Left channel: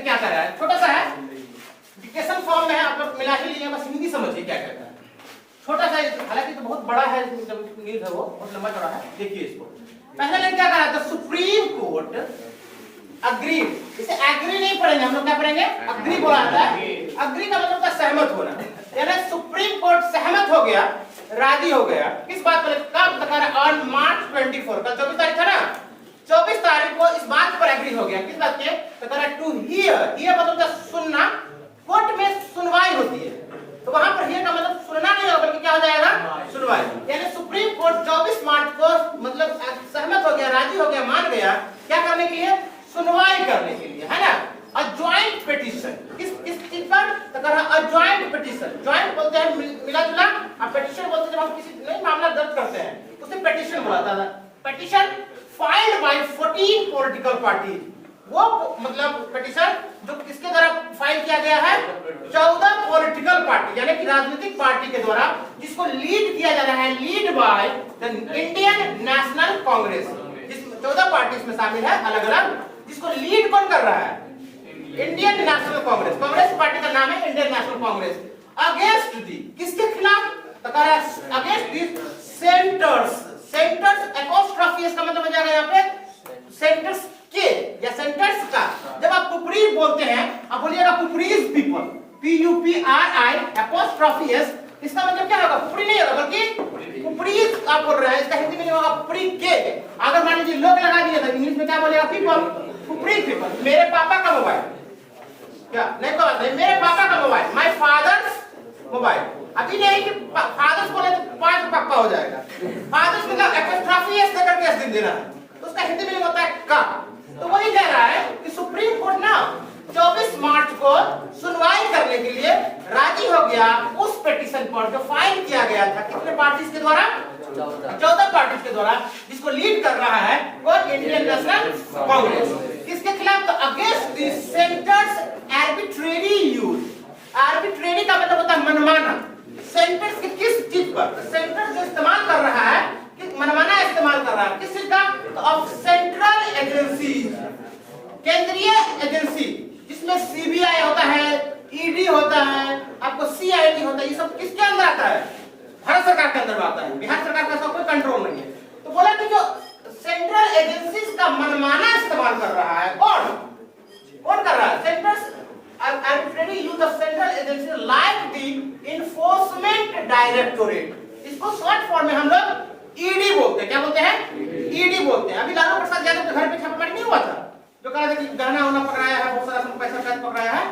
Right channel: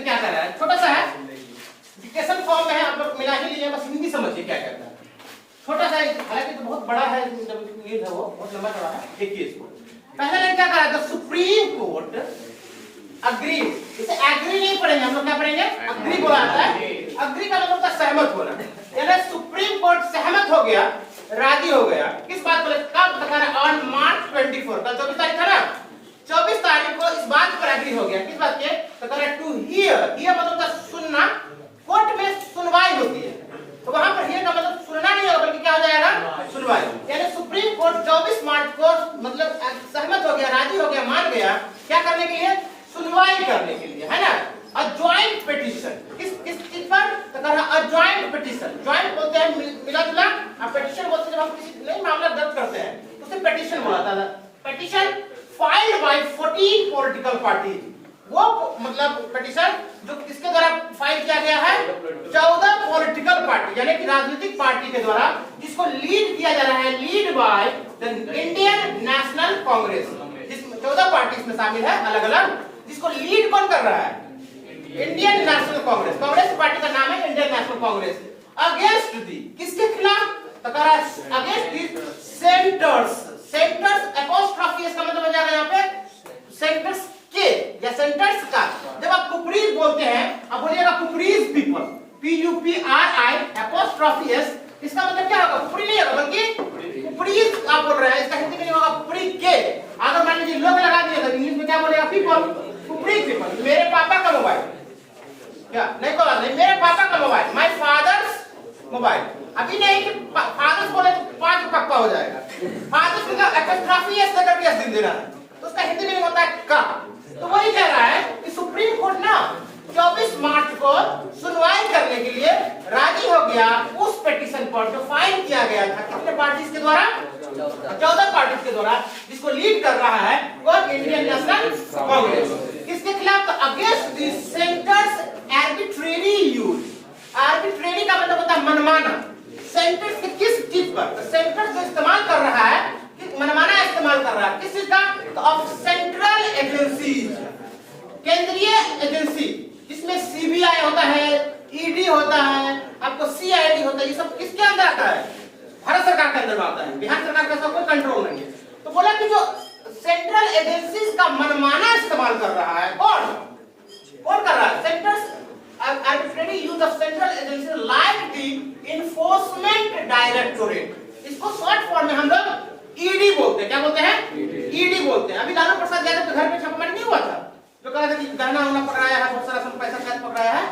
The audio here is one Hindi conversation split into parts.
देखिए क्या कर रहा है, छोटा सा है, डिक्टेशन फॉर्म में है, आप लोग मिला ही लीजिए, बस हिंदी समझिए क्या कहता है। छोटा सा, हालांकि तो बहुत बड़ा है, न्यूज है वो बहुत लंबा चौड़ा है, देखिए इसको। पहले लाइन क्या कहा, द सुप्रीम कोर्ट अग्रीड, इसे एग्री नहीं पढ़ेंगे हम लोग, क्या पढ़ेंगे, अग्री बोला जाता है। अग्री का मतलब होता है सहमत होना, यानी सुप्रीम कोर्ट सहमत हो गया, राजी हो गया किस बात पर, कब बता रहा, ऑन मार्च 24, कल 24 तारीख था ना, 24 तारीख को इस बात पर एग्री हो गया, किस बात के, बता रहा टू हियर, हियर मतलब होता है सुनना, कोर्ट में सुनवाई होती है, तो वहां पर हियर का मतलब सुनना नहीं होगा बल्कि क्या हो जाएगा, सुनवाई। यानी सुप्रीम कोर्ट 24 मार्च को मतलब सहमत हो गया, राजी हो गया, मान गया, क्या करने के लिए, सुनवाई करने के लिए, है ना। अ जॉइंट पिटीशन, किस किस चीज पर, तो कह रहा अ जॉइंट पिटीशन, जॉइंट बोलते हैं मिला जुला, और पिटीशन बोलते हैं जब हम किसी नई मामला दर्ज करते हैं उसे पिटीशन बोला जाता है। Petition filed by 14 political parties, वो मतलब पिटीशन जो किसके द्वारा फाइल किया गया है, 14 पॉलिटिकल पार्टी, यानी कि राजनीतिक पार्टी के द्वारा, जिसको लीड किया जा रहा है, lead by the Indian national Congress, जिसमें 14 पार्टी इसमें शामिल है अलग अलग, जिसको लीड कौन कर रहा है, Indian national Congress, Congress party का नाम है Indian national Congress. Against the, किसके खिलाफ, तो कह रहा है against the centres, centres apostrophe, इसका मतलब हो जाएगा यहाँ पे सेंटर्स के या सेंटर्स का। जब आप पुपरीज बोलते हैं, आप बोलिएगा पुपरीज पीपल, PUPRI एपोस्ट्रोफी एस, इसका मतलब क्या होगा, पुपरी नहीं होगा बल्कि पुपरीज आप बोल रहे हैं, इसका हिंदी में नहीं होगा पुपरी के। अगर मान लीजिए लोग लगा दिए तो इंग्लिश में क्या बोलेगा, पीपल, पुपरी पीपल। मेरे पापा का मोबाइल, क्या नहीं कोई बात नहीं, मेरे पापा का मोबाइल, माय फादर्स मोबाइल, अभी नहीं कि फादर्स बोले तो 5 पक्का हो जाएगा, फादर्स मतलब एपोस्ट्रोफी एस देकर के एस देना है, तो उसका हिंदी में होता है का। तो वही कह रहा है कि सुप्रीम कोर्ट ना 24 मार्च को सुनवाई करने के लिए राजी हो गया उस पिटीशन पर जो फाइल किया गया था, कितने पार्टीज के द्वारा, 14 पार्टीज के द्वारा, जिसको लीड कर रहा है वो इंडियन नेशनल कांग्रेस। किसके खिलाफ, तो against the centres arbitrary use, arbitrary का मतलब होता है मनमाना, सेंटर्स के किस चीज पर, तो सेंटर्स जो इस्तेमाल कर रहा है, मनमाना इस्तेमाल कर रहा है, किस चीज का, ऑफ सेंट्रल एजेंसीज, केंद्रीय एजेंसी, जिसमें CBI होता है, ED होता है, आपको CID होता है, ये सब किसके अंदर आता है, भारत सरकार के अंदर आता है, बिहार सरकार का ऐसा कोई कंट्रोल नहीं है। तो बोला कि जो सेंट्रल एजेंसीज का मनमाना इस्तेमाल कर रहा है, कौन कर रहा है, centres arbitrary use of central agency like the enforcement directorate, इसको शॉर्ट फॉर्म में हम लोग ED बोलते हैं, क्या बोलते हैं, ED बोलते हैं। अभी लालू प्रसाद यादव के घर पे छापेमारी नहीं हुआ था, जो कह रहे थे कि गहना उना पकड़ाया है, बहुत सारा पैसा कैश पकड़ाया है।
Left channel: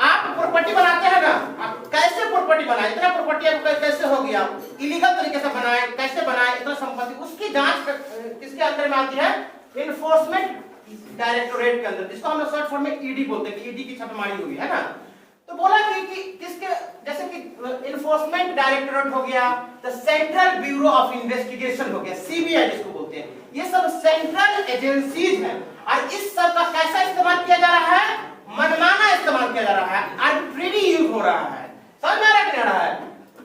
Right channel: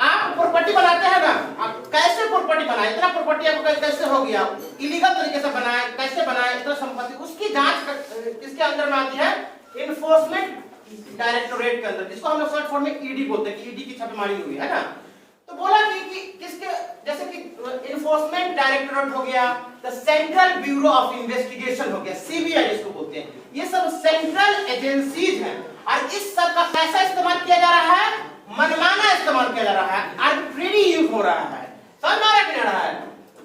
आप प्रॉपर्टी बनाते हैं ना, आप कैसे प्रॉपर्टी बनाए, इतना प्रॉपर्टी आपको कैसे हो गया, इलीगल तरीके से बनाए, कैसे बनाए इतना संपत्ति, उसकी जांच किसके अंदर में आती है, इन्फोर्समेंट डायरेक्टोरेट के अंदर, जिसको हम लोग शॉर्ट फॉर्म में ED बोलते हैं कि ED की छापेमारी हुई है ना। तो बोला कि किसके, जैसे कि इन्फोर्समेंट डायरेक्टोरेट हो गया, the central bureau of investigation हो गया, CBI जिसको बोलते हैं, ये सब सेंट्रल एजेंसीज हैं, और इस सब का कैसा इस्तेमाल किया जा रहा है, मनमाना इस्तेमाल किया जा रहा है, आर्बिट्रेरी यूज हो रहा है, समझ में आ रहा है,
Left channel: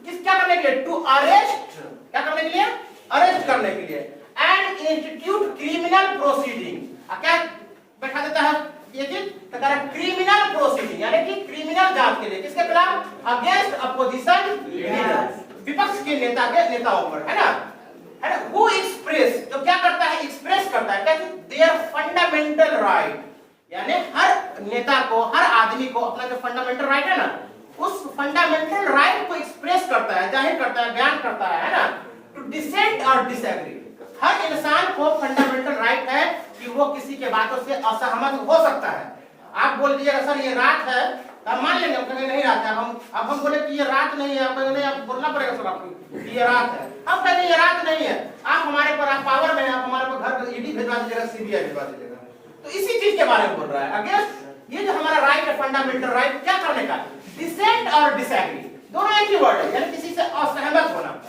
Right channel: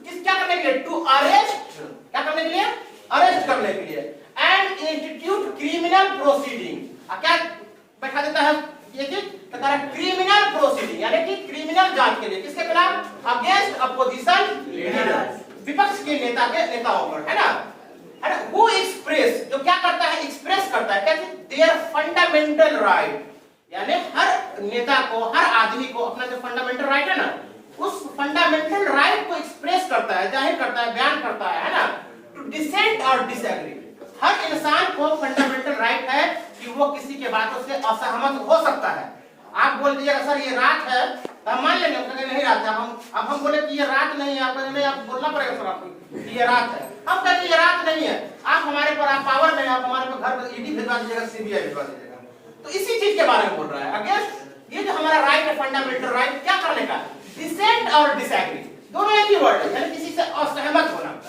किस क्या करने के लिए, टू अरेस्ट, क्या करने के लिए, अरेस्ट करने के लिए, एंड इंस्टीट्यूट क्रिमिनल प्रोसीडिंग, क्या बैठा देता है ये चीज, तो क्रिमिनल प्रोसीडिंग, यानी कि क्रिमिनल जांच के लिए, किसके खिलाफ, अगेंस्ट अपोजिशन लीडर, विपक्ष के नेताओं पर, है ना, वो एक्सप्रेस, जो क्या करता है, एक्सप्रेस करता है, क्या, देयर फंडामेंटल राइट, यानी हर नेता को, हर आदमी को अपना जो फंडामेंटल राइट है ना, उस फंडामेंटल राइट को एक्सप्रेस करता है, जाहिर करता है, बयान करता है ना, टू डिसेंट और डिसएग्री। हर इंसान को फंडामेंटल राइट है कि वो किसी के बातों से असहमत हो सकता है। आप बोल दीजिएगा सर ये रात है, तो हम मान लेंगे, नहीं रात है, हम बोले कि ये रात नहीं है, आपको नहीं, आप बोलना पड़ेगा सर आपको ये रात है, हम कहते हैं ये रात नहीं है, आप हमारे पर, आप पावर में, आप हमारे पर घर ED भिजवा दीजिएगा, CBI भिजवा दीजिएगा। तो इसी चीज के बारे में बोल रहा है, अगेंस्ट ये जो हमारा राइट है, फंडामेंटल राइट, क्या करने का, डिसेंट और डिसएग्री, दोनों एक ही वर्ड है, यानी किसी से असहमत होना,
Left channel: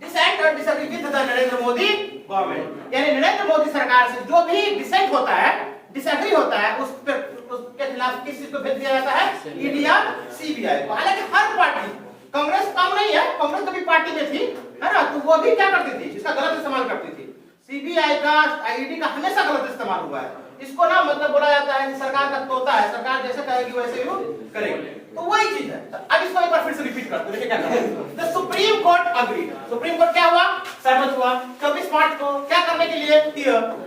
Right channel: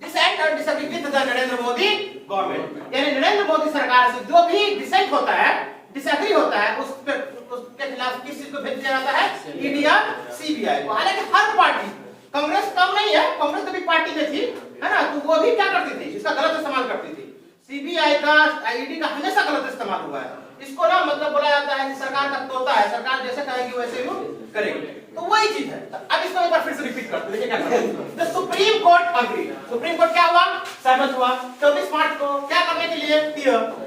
डिसेंट और disagree with the Narendra Modi government, यानी नरेंद्र मोदी सरकार से जो भी डिसेंट होता है, डिसएग्री होता है, उसके खिलाफ किस चीज को भेज दिया जाता है, ED या CBI को। हालांकि हर पार्टी, कांग्रेस कम नहीं है, कांग्रेस कभी पार्टी में थी, है ना, तो वो भी क्या करती थी, इसका गलत इस्तेमाल करती थी, CBI का, ED का हमेशा गलत इस्तेमाल हुआ है, इसको ना मतलब बोला जाता है कि सरकार का तोता है, सरकार जैसे कहेगी वैसे ही करेगी। तो वही चीज है। अब इसको एक बार फिर से रिपीट करते हैं, क्या करना है। The supreme court agree, supreme court क्या हुआ, सहमत हुआ 24 मार्च को क्या करने के लिए,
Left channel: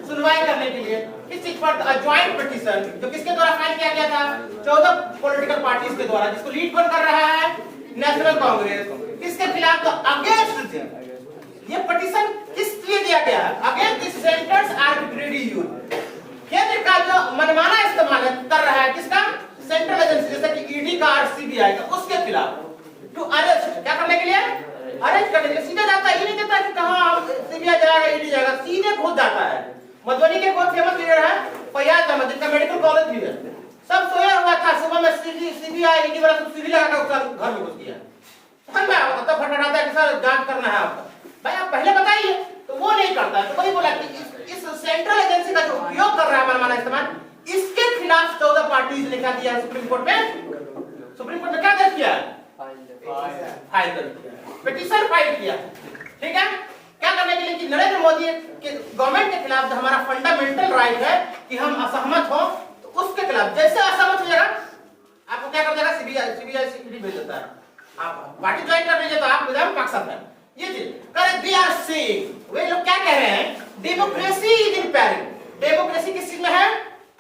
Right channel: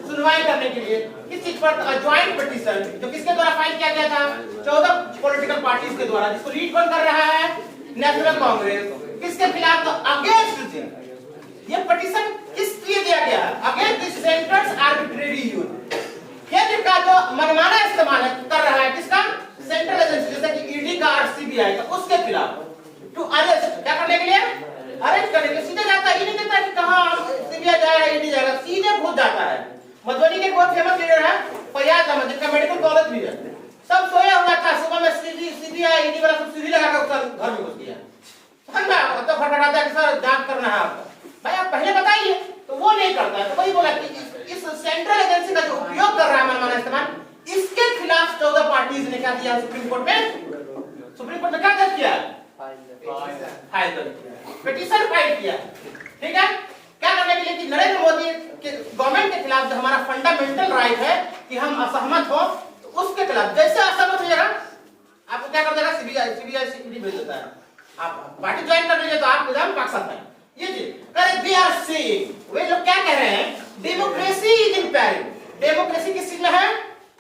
सुनवाई करने के लिए। किस चीज पर, ज्वाइंट पिटीशन, जो किसके द्वारा फाइल किया गया था, 14 पॉलिटिकल पार्टीज के द्वारा, जिसको लीड कौन कर रहा है, नेशनल कांग्रेस। किसके खिलाफ, अगेंस्ट ये पिटीशन किस लिए दिया गया, against the centres arbitrary use, केंद्र का जो मनमाना इस्तेमाल कर रहा है, किसका, सेंट्रल एजेंसी जैसे कि ईडी का और सीबीआई का, उसके खिलाफ। टू अरेस्ट, क्या करने के लिए, अरेस्ट करने के लिए। सीधे जाता है, ये नहीं देता कि कहां सीबीआई जाएगा, ईडी जाएगा, सीधे घुस जाता है। मधुबनी के बहुत फेमस लीडर है फैयाज अहमद, जिसका मेडिकल कॉलेज भी है, सब सोया हुआ था, सुबह में सीबीआई ईडी वाला सब सीधी लगाकर उसका घर में घुस गया। समझ में आया, तब फटाफट है कि सर जांच करना है आपको, भाई आप पहले बताइए। तो वो नहीं करता है। तो वही बोला कि इस सेंट्रल एजेंसी का जो उपयोग कर रहा है मनमाना इस्तेमाल, इसके खिलाफ 14 पार्टीज ने क्या दिया सुप्रीम कोर्ट में, सुप्रीम कोर्ट में क्या दर्ज किया, फाइल दर्ज किया, पिटीशन फाइल किया। ठीक है, क्या करने के लिए कि नरेंद्र मोदी के गवर्नमेंट के खिलाफ जो हमारा फंडामेंटल राइट है कि हम असहमत हो, तो उसके खिलाफ जैसे असहमत हो जाएगा आपको क्या कर देगा, सीबीआई ईडी भेज देता है। आप पार्टी ज्वाइन कर लीजिए तो आप विधान पक्ष सकते हैं। ये चीज करेक्ट, दे आर सेइंग, वे लोग क्या कह रहे हैं, democracy is in peril, democracy किस चीज में है,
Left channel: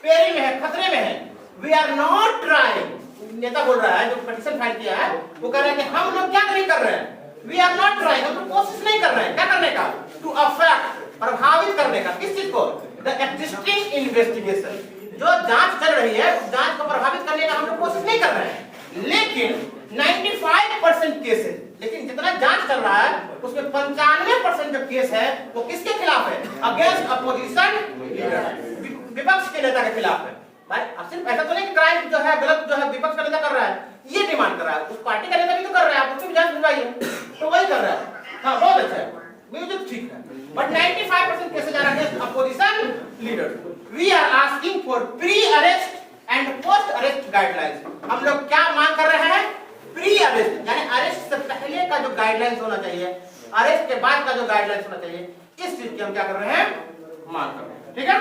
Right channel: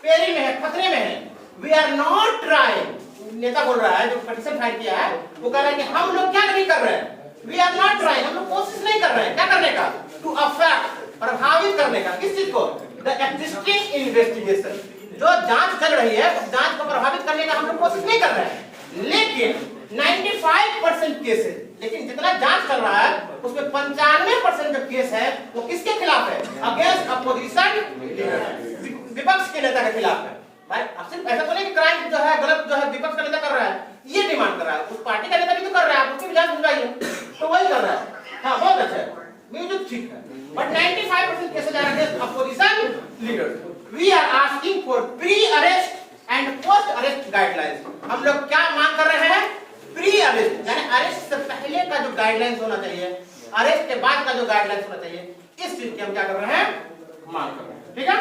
पेरिल में है, खतरे में है। वी आर नॉट ट्राइंग, नेता बोल रहा है जो पिटीशन फाइल किया है, वो कह रहा है कि हम लोग क्या नहीं कर रहे हैं, वी आर नॉट ट्राइंग, हम लोग कोशिश नहीं कर रहे हैं क्या करने का, टू अफेक्ट, प्रभावित करने का, किस चीज को, द एग्जिस्टिंग इन्वेस्टिगेशन, जो जांच चल रही है उस जांच को प्रभावित करने का हम लोग कोशिश नहीं कर रहे हैं। लेकिन 95% केसेस, लेकिन जितना जांच चल रहा है उसमें 95% जो केस है वो किसके खिलाफ है, अगेंस्ट अपोजिशन लीडर, विपक्ष के नेता के खिलाफ है। भाई अब सिर्फ ऐसा तो नहीं कि क्राइम जो है, गलत जो है विपक्ष का नेता कर रहा है, ये डिमांड कर रहा है, उस पार्टी का नेता भी तो कर रहा है, आप उसकी भी जांच भिजवाइए, तो वही कर रहा है। हाँ बहुत अच्छा है, म्यूजिक ठीक है, but 95% cases are against opposition leader. We are asking for pre arrest and post arrest guidelines. हम लोग क्या मांग कर रहे हैं, प्री अरेस्ट यानी अरेस्ट से पहले का जो गाइडलाइंस होना चाहिए, अरेस्ट के बाद का जो गाइडलाइंस होना चाहिए, इस चीज की हम क्या कर रहे हैं, मांग कर रहे हैं। ठीक है,